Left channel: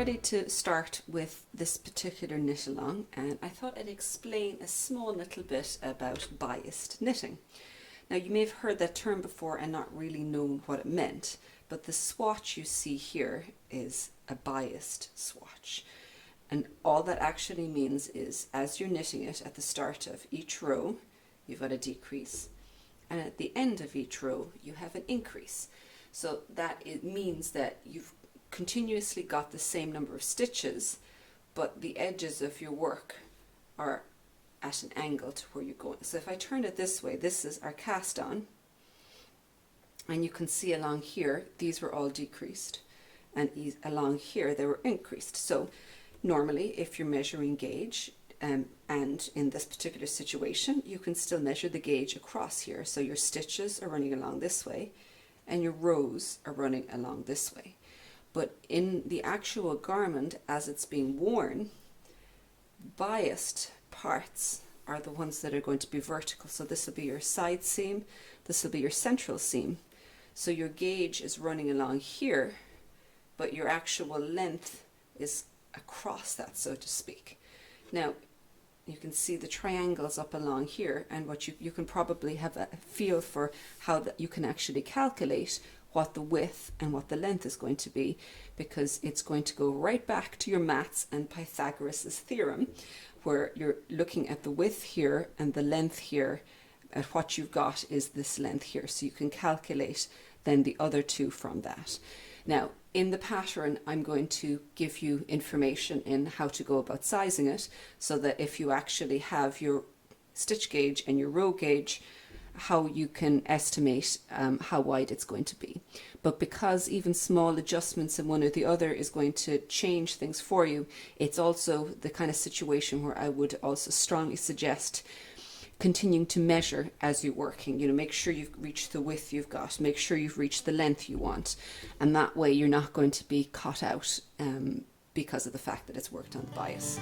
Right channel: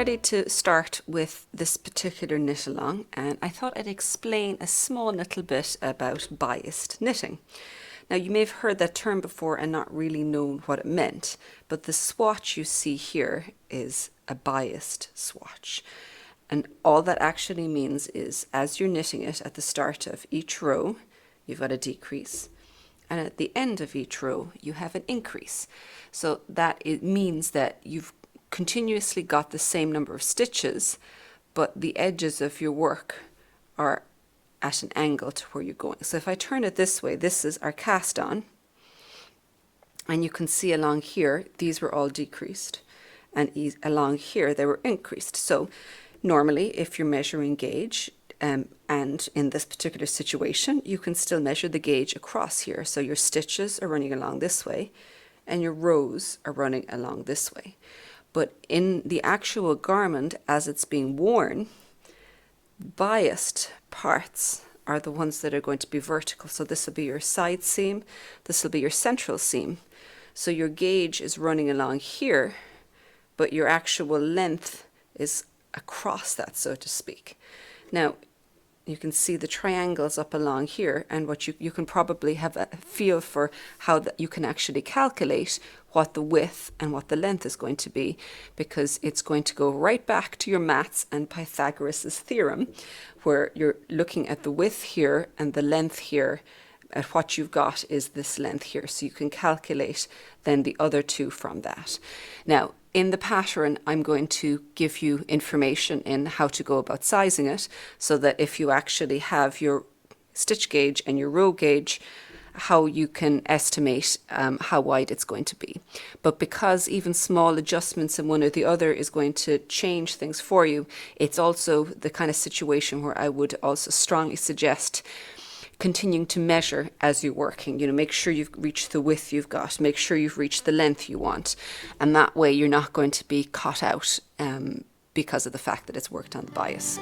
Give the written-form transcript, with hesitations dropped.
ready to start with this particular knit along, and I thought I'd explain a small little bit about biased knitting. Now, you may have heard that term before and not really known what it meant, but the swatch you see here is a biased swatch. And all that actually means is, as you're knitting it at the start of each row, you've got a decrease, and at the end of each row, you have an increase. So that it means that you've continuously got the same number of stitches, but the edges of your work are at an angle to where you're going. So if I turn it this way, this is our cast on, and you can see along here, these were all decreased, and along here, they were increased. So normally, if you're measuring gauge, and in this particular situation, you can still measure the gauge across here. So your stitches are running along this way, and your rows are running along this way. But in the actual garment, as it's being worn, biased parts are the ones that are going to be vertical. So this will be your side seam, this will be your central seam. So your gauge is running along here, but your actual length is across that, so to speak. Now, you can see the triangles up along here, and what you can probably have a feel for how that you can actually calculate what the width and what the length is going to be, because it's going to go right back to your maths and Pythagoras's theorem, where you're looking at the width here and the length here, and what you've got is this length here. So you can calculate then the other two from that. Now, in the pattern, I'm going to give you information in how to go about sizing it, so that if you actually have your stitch gauge and your row gauge, how you can estimate how wide it's going to be. But because even small adjustments in one or the other is going to change things for you, it's also the kind of situation where I would also strongly suggest continuing to measure as you're working. You know, make sure you've reached the width you've got, make sure you've reached the length you want, and that way you're not going to be caught out because of the fact that it's worked on bias.